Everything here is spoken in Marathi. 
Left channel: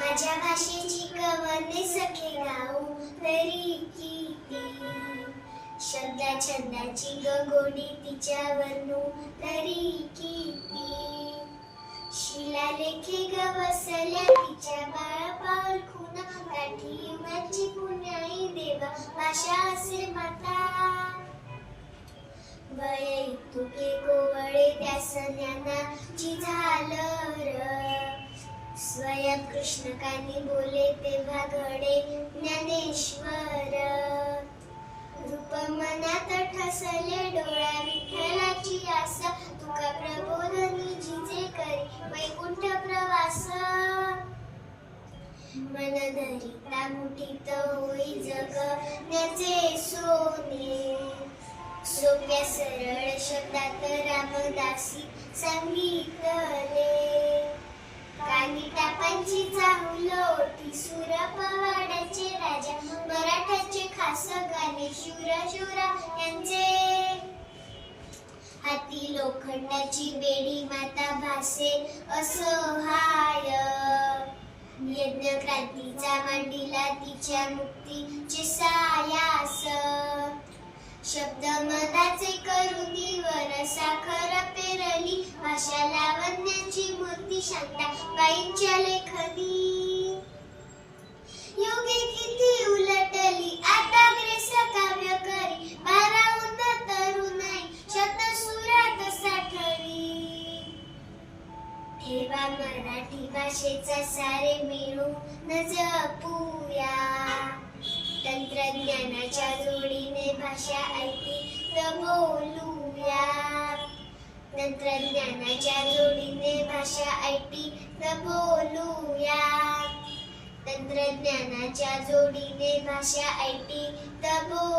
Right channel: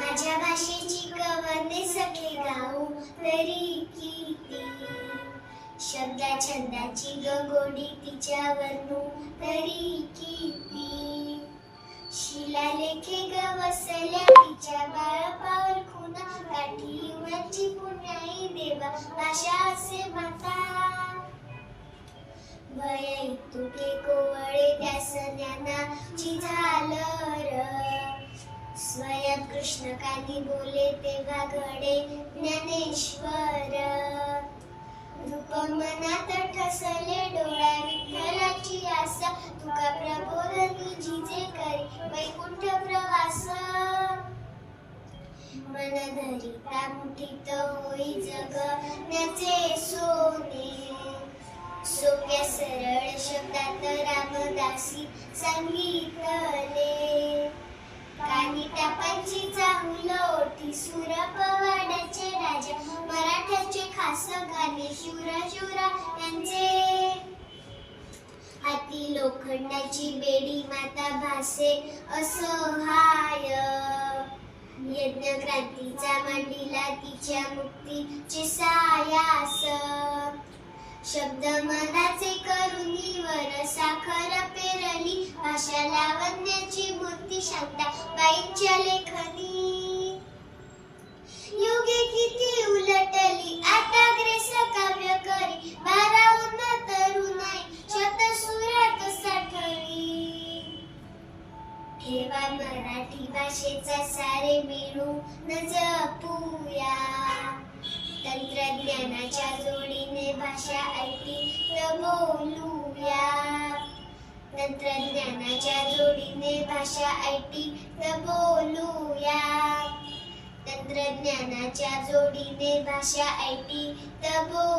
माझ्या भाषेची कवने सखे गाऊ तरी किती, शब्दा छंदाची गंगोडी तिच्यावरनू तरी किती, शिलालेखे गवसल्या तिच्या बाळापावर खुना, काठी माझी पुण्याई देवा भाषा असे माता, वय तुके कोवळे त्या सण्याना झालर, स्वयं कृष्ण कानी बोले तेव्हा घडे ज्ञानेश्वर, रूप मनात ठसले डोळा विठ्ठलाची आसा, तुका प्रबोधनी जिजे करी वैकुंठ प्रवास, मन धरिता मुठीत होई जगण्याचे सोने, सोप्या सरळ शब्दात रामदासी सांगितले, कानी टापांची चाहुल ओठी सुर पवाडाचे राजा, मराठ्याचे खास गाणे शूरा यांचे, हाती लोखंडाची बेडी माता भासे असहाय, यज्ञ क्रांतीचा मांडीला तिच्या मुक्तीचे सायास, शब्द मनाचे करुणीवर साखर पेरली, भाषा लावण्याची मूर्ती शांता बाईंच्या लेखनी, युगे किती उलटली आता ग्रेस काव्य करी, भारावून तरुणाई शतसुरात साठवी, ठेवा मराठी भाषेचा सारे मिळून जपूया, तंत्रज्ञानाच्या जोडीने भाषा ऐकी तर बोलूया, तंत्रज्ञानाच्या जोडीने भाषा ऐकी तर बोलूया, तंत्रज्ञानाच्या जोडीने भाषा ऐकी तर बोलूया.